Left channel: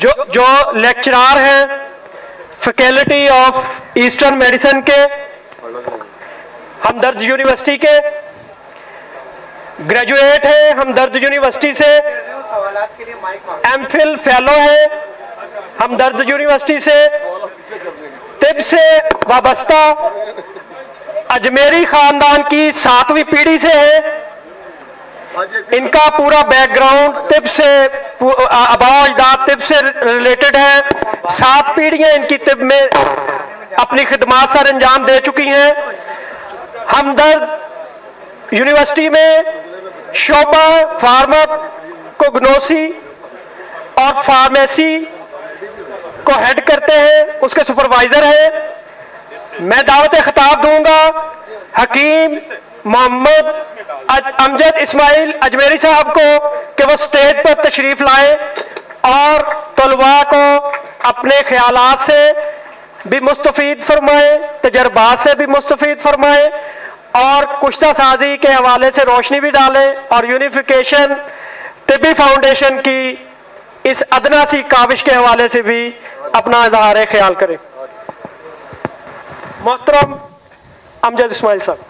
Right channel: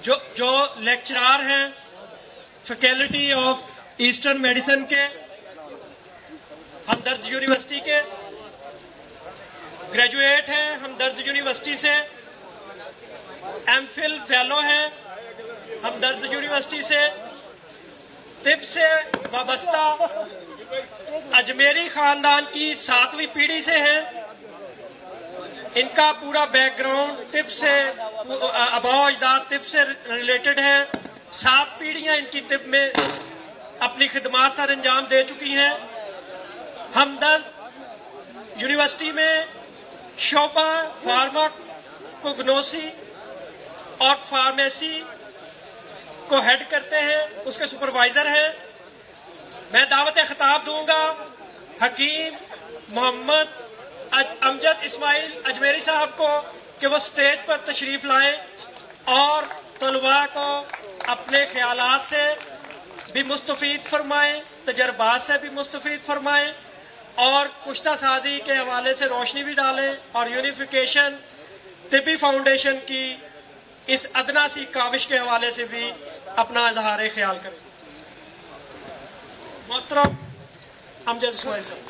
جو لیکچرار ہیں faculty of eastern medicine کے ہمدرد یونیورسٹی کے، گریجویٹ ہیں ہمدرد یونیورسٹی سے، ایم فل فیلو ہیں ہمدرد یونیورسٹی سے، طب سے وابستہ اجمیری خاندان کی 7ویں پیڑھی سے ہے۔ ان کا پورا بیک گراؤنڈ طب سے، آباء و اجداد طب سے ریلیٹڈ ہے۔ 7 پیڑھیاں ان کی طب میں اپنی خدمات سر انجام دے چکی ہیں۔ ہمدرد یونیورسٹی میں شعبہ فارماکوگنوسی اور فارمیسی کو ہیڈ کرتے ہیں، اس کے سپروائزر ہیں۔ میں دعوت خطاب دوں گا حکیم محمد امجد اسماعیل اجمیری صاحب کو کہ وہ سٹیج پر تشریف لائیں اور طلباء کو اپنے خیالات سے بھی مستفید فرمائیں، تجربات سے بھی مستفید فرمائیں اور کشتہ سازی کے حوالے سے روشنی بھی ڈالیں اور یونیفیکیشن طبی فاؤنڈیشن کی اس ادنا سی کاوش کے حوالے سے بھی اپنا اظہار خیال کریں۔ محترم امجد اسماعیل صاحب۔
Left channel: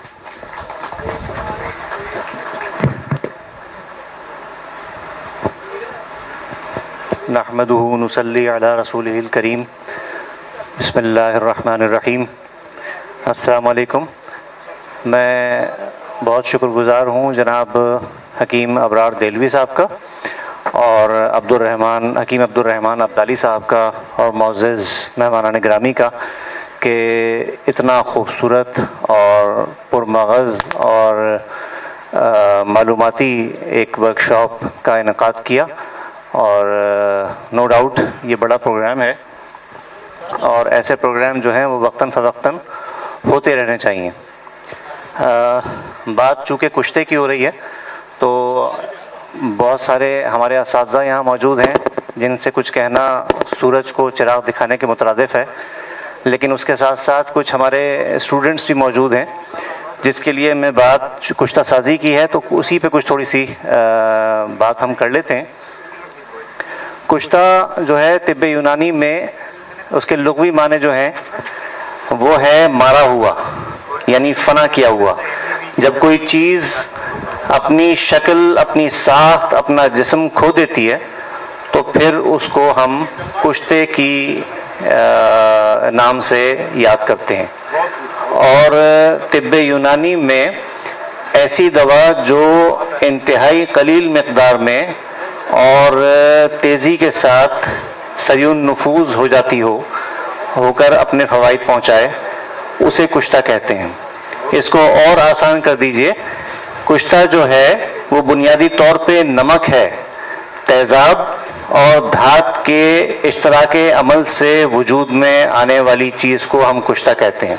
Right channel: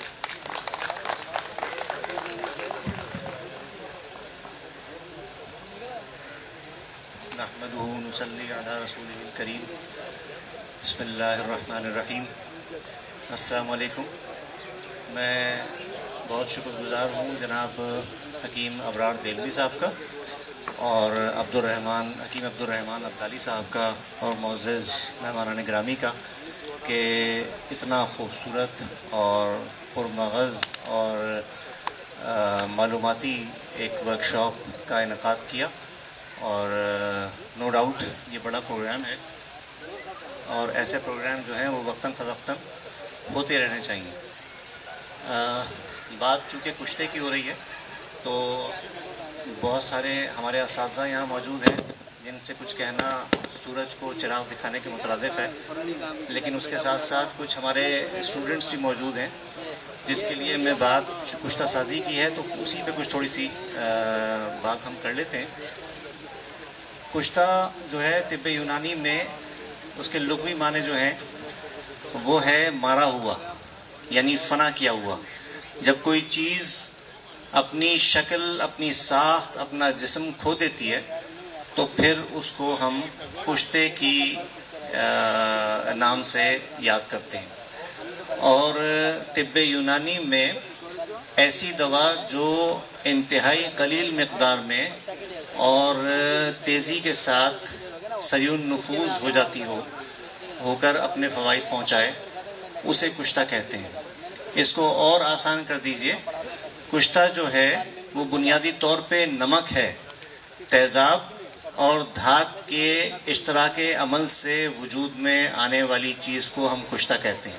نحمدہ ونصلی علی رسولہ الکریم، بسم اللہ الرحمن الرحیم۔ السلام علیکم۔ میں بہت شکر گزار ہوں جناب حکیم ابرار دہلوی صاحب کا اور حکیم عبدالرحمن عبدالی صاحب کا اور معزز مہمانان گرامی کا کہ اتنا خوبصورت اور پرمغز اور معلوماتی ایک ورکشاپ کا انعقاد کیا، اور نو ڈاؤٹ یہ بڑا پروگرام ہے اور ایسے پروگرام جو ہیں وہ وقتاً فوقتاً ہوتے رہنے چاہیے۔ بات چونکہ کشتے کی ہو رہی ہے تو بہت سارے ہمارے اساتذہ یہاں موجود ہیں جن سے کچھ کہنا سورج کو چراغ دکھانے کے مترادف ہے، لیکن اس کے ساتھ ساتھ کچھ ہمارے اسٹوڈنٹس بھی موجود ہیں جس کے لیے میں بات کشتہ سازی کی ہے تو اسی پہ کچھ تھوڑی سی بات ہم کر لیتے ہیں۔ کشتہ جو ہے طب یونانی میں اس کے لغوی معنی جو ہیں وہ ہے مارا ہوا، یعنی فنا کیا ہوا۔ جب کوئی چیز اپنی شکل، اپنی ساخت، اپنا جسم کھو دیتی ہے تو پھر اس کو ہم کشتے کی نام سے یاد کرتے ہیں۔ اور طب یونانی میں ایسی دوا جو انتہائی قلیل مقدار میں اور تیزی کے ساتھ سریع نفوذ ہو جاتی ہو کر اپنے فوائد پہنچائے اسے کشتہ کہتے ہیں۔ اس کو اور آسان کر دیجئے، کشتہ جو ہے وہ بنیادی طور پہ نمک ہے، تیزاب اور دھات کے اشتراک عمل سے وجود میں آنے والی چیز کو ہم کشتہ کہتے ہیں۔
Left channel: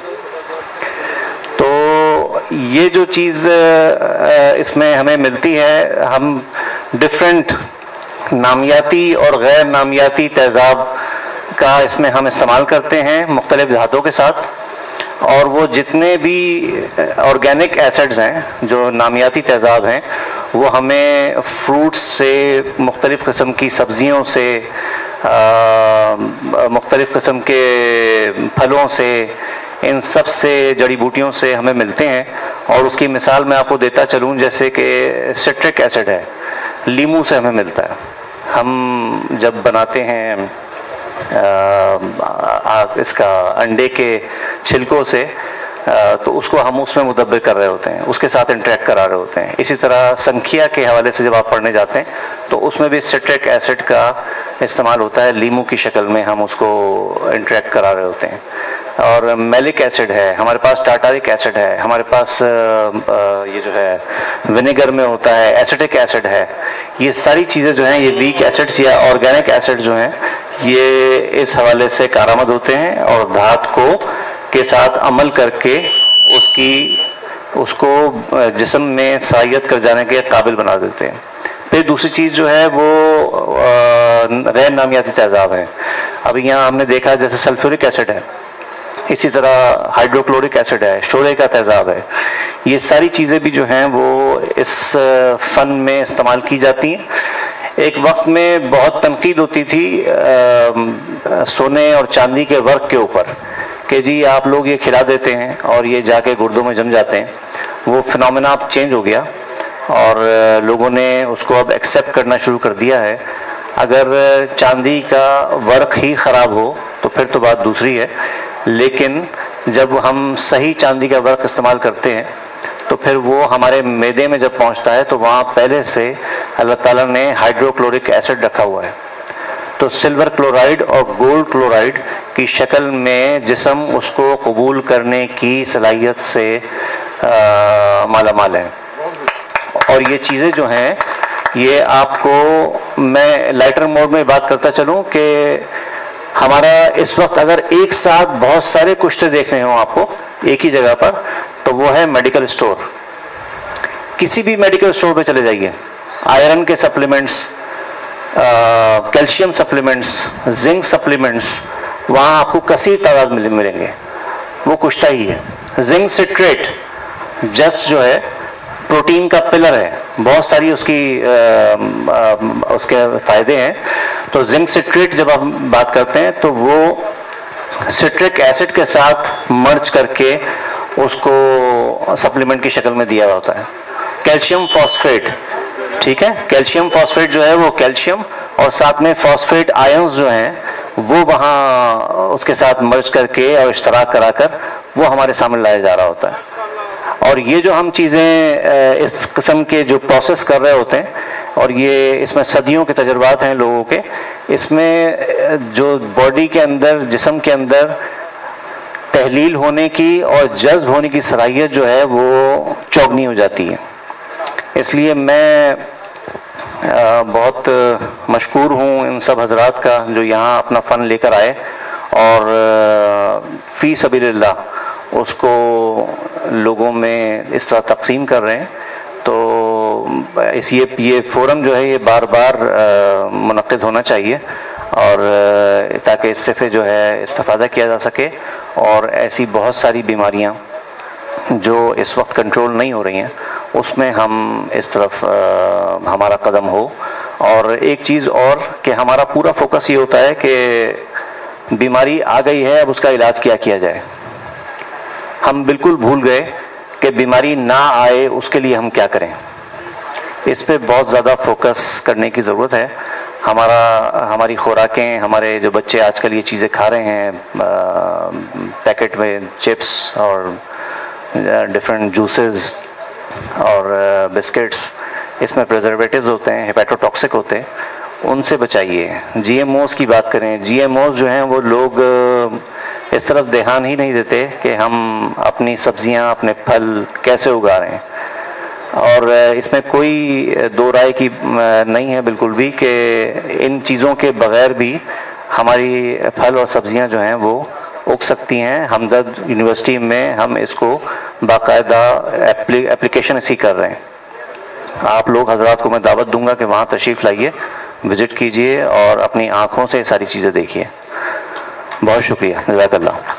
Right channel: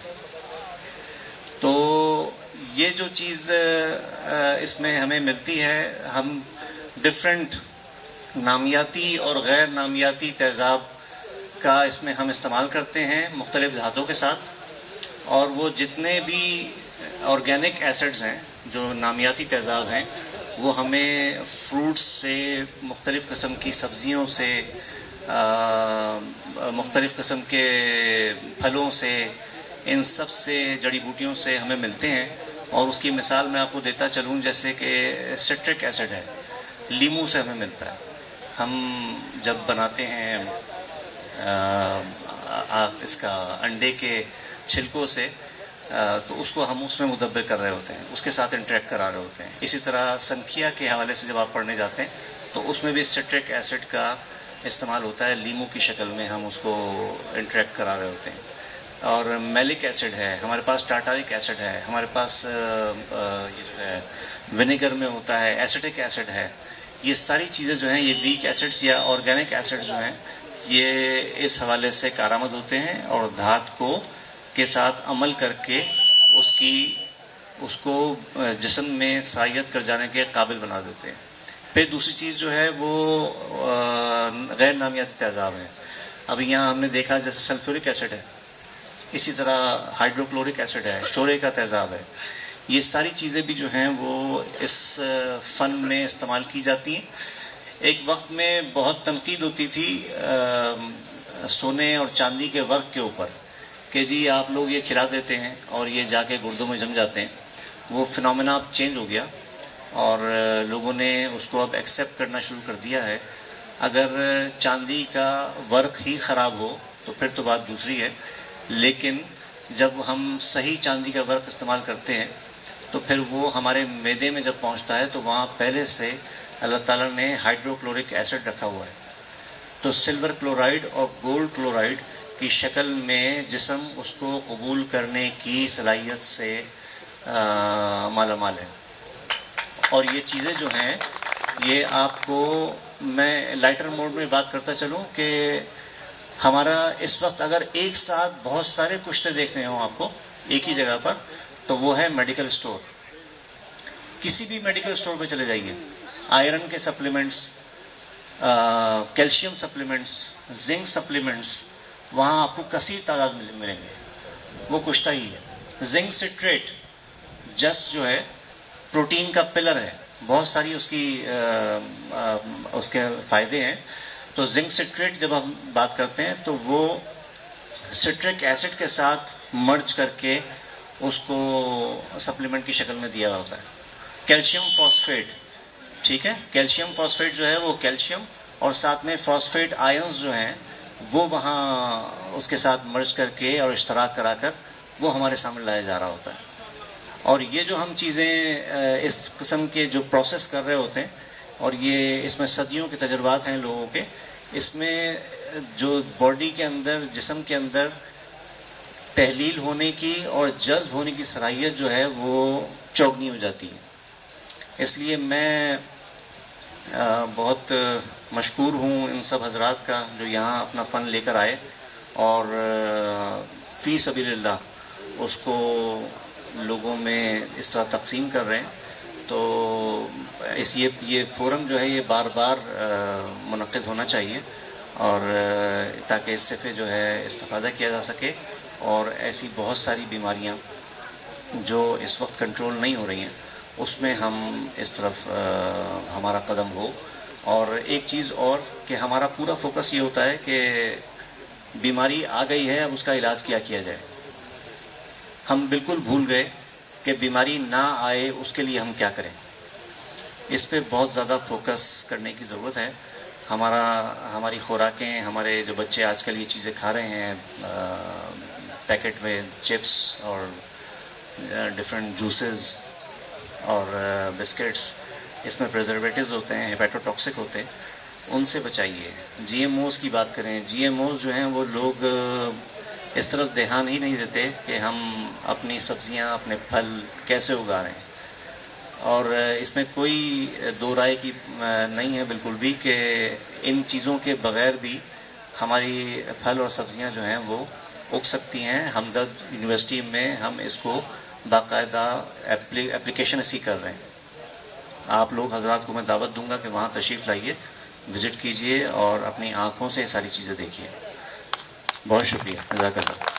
تو یہ جو چیز اس میں ہمیں ملتی ہے، ہم ڈفرینٹ نامیاتی اور غیر نامیاتی تیزاب کا اس میں ہم استعمال کرتے ہیں مختلف دھاتوں کے ساتھ، اور وہ جتنے بھی آرگینک ایسڈز ہیں جو نامیاتی تیزاب ہیں وہ ہمیں فروٹس سے، مختلف قسم کی سبزیوں سے، مختلف قسم کے پھلوں سے، ان سب سے، جڑی بوٹیوں سے ہمیں ملتے ہیں۔ اور اس کی مثال میں آپ کو دیتا چلوں، جیسے کہ سٹرک ایسڈ ہے، لیموں سے ہمیں ملتا ہے۔ ہم جب بناتے ہیں اس کا انڈے کے چھلکوں سے تو اس کو ہم اس میں مدبر کر رہے ہوتے ہیں، اس کے ساتھ انٹریکٹ کرا رہے ہوتے ہیں۔ اسی طرح سنکھیا کے حوالے سے جب آپ پڑھنے جاتے ہیں تو اس میں بھی سٹرک ایسڈ کا استعمال ہوتا ہے، لیموں کی شکل میں ہم اس کو انٹریکٹ کرا رہے ہوتے ہیں۔ اور میلک ایسڈ ہے ہمارے پاس، ٹارٹارک ایسڈ ہے ہمارے پاس، یہ جو ہے ونیگر میں ہوتا ہے، ایسیٹک ایسڈ ہے۔ یہ ساری چیزیں جو ہیں، یہ ویک ایسڈز یا آرگینک ایسڈ جو ہیں، یہ اس حوالے سے کارآمد ہوتے ہیں اور دھات کو کے ساتھ عمل کر کے اس کو جسم میں سرایت کر جانے کے قابل بنا دیتے ہیں۔ پھر دوسری چیز جو ہے وہ غیر نامیاتی تیزاب ہیں۔ ابھی یہاں ہم نے دیکھا جیسے سلفورک ایسڈ ہے، اسی طرح ہائیڈروکلورک ایسڈ ہے، شورے کا تیزاب ہے۔ یہ ساری چیزیں بھی جو ہیں وہ اس فن میں استعمال کی جاتی ہیں۔ ایک وقت میں بہت تنقید ہوتی تھی سونے اور چاندی کے ورق کے اوپر کہ جی آپ لوگ یہ کھلا دیتے ہیں اور یہ جا کے گردوں میں جم جاتے ہیں. وہ فنومینا اب چینج ہو گیا اور لوگوں نے اس کو اب ایکسیپٹ کرنا شروع کر دیا ہے. اگر چاندی کا ورق ہی خراب ہو تو پھر تو بات دوسری ہے، لیکن جب ہم صحیح چاندی کا ورق استعمال کرتے ہیں تو پھر وہ ہمارے معدے میں جب پہنچتا ہے تو وہاں پہلے سے اللہ تعالیٰ نے ہائیڈرو کلورک ایسڈ رکھا ہوا ہے. تو سلور کلورائڈ اور گولڈ کلورائڈ کی شکل میں جسم اس کو قبول کرنے کی صلاحیت سے مالا مال ہے. اور یہ چیزیں جو ہیں یہ آپ کو میں لائٹر موڈ میں بات کرتا چلوں کہ ہمارا اس وقت اگر ایک ساتھ بہت سارے کشتے دیکھنے ہوں آپ کو ایک ہی جگہ پر تو وہ ہے میڈیکل اسٹور. کسی بھی میڈیکل اسٹور پہ چلے جائیے، آئرن کے supplements, calcium supplements, zinc supplements, وہاں آپ کو کثیر تعداد ملیں گے. وہ کشتہ ہی ہے. زنک سٹریٹ جسٹ جو ہے پروٹین کا پلر ہے، بہت ساری اس کے فائدے ہیں. تو زنک سٹریٹ جب ہم بات کرتے ہیں تو وہ سٹرک ایسڈ کے ساتھ مرج کر کے اس کو سپلیمنٹ کی شکل میں دیا ہوتا ہے. کیلشیم فاسفیٹ، ٹھیک ہے، کیلشیم فاسفیٹ جو ہے وہ کیلشیم اور ساتھ میں فاسفیٹ آئنز جو ہیں وہ وہاں اس کے ساتھ مرج کر کے اور اشتراک کرا کر وہ ہمارے سامنے لایا جا رہا ہوتا ہے. اور یہ جو ہم چیزیں اس قسم کے جو پروسیس کر رہے ہوتے ہیں اور یہ اس میں صدیوں کے تجربات ہیں لوگوں کے، اس میں جو باڈی کے اندر، جسم کے اندر تحلیل ہونے کی اور جذب ہونے کی صلاحیت جو ہے وہ چوگنی ہو جاتی ہے. اس لیے میں بہت مشکور ہوں ان سب حضرات کا جو یہاں اپنا فن لے کر آئے اور فی سبیل اللہ اس کو لوگوں میں اس طرح تقسیم کر رہے ہیں. تو یہ فورم جو ہے یہ بار بار منعقد ہونا چاہیے اور تاکہ اس سے جو ہے استفادہ کیا جا سکے اور ایسی بہت ساری بیماریاں جو اس وقت کنٹرول نہیں ہو رہی ہیں اس میں ہم اس طرف ہمارا قدم ہو. اور ایک چیز اور کہ ہمارا پورا فوکس یہ ہوتا ہے کہ بیماری آ گئی ہے، اب اس کا علاج کیا جائے. ہم بالکل بھول گئے کہ بیماری نہ آئے اس کے لیے ہم کیا کریں. اس پہ بہت زیادہ فوکس کرنے کی ضرورت ہے. ہماری خوراکیں، ہمارے جو بچے آج کل یہ چیزیں کھا رہے ہیں پیکٹ میں، چپس اور ڈفرینٹ جوسز اور بسکٹس، اس میں پریزرویٹیوز ہوتے ہیں، ہیپیٹوٹاکسک ہوتے ہیں، ان سے بچائیے. جی ایم اوز کی بات کریں، جی ایم اوز جو ہیں وہ لوگ اس طرف دھیان ہی نہیں دیتے کہ ہم اپنی سبزیاں، اپنے پھل کیسے اگا رہے ہیں. اور اس میں کوئی دو رائے کی نہیں ہے بالکل بھی کہ ان چیزوں کے بغیر بھی ہماری پھل اور سبزیاں جو ہیں وہ اگ سکتی ہیں. ہمدرد یونیورسٹی میں ہم اس کو باقاعدہ اپلیکیشن اسی کر رہے ہیں. آپ لوگ حضرات کو میں دعوت دوں گا کہ وہاں تشریف لائیے، وزٹ کیجئے اور اپنی آنکھوں سے ساری چیزیں دیکھیے. بہت شکریہ، جزاک اللہ.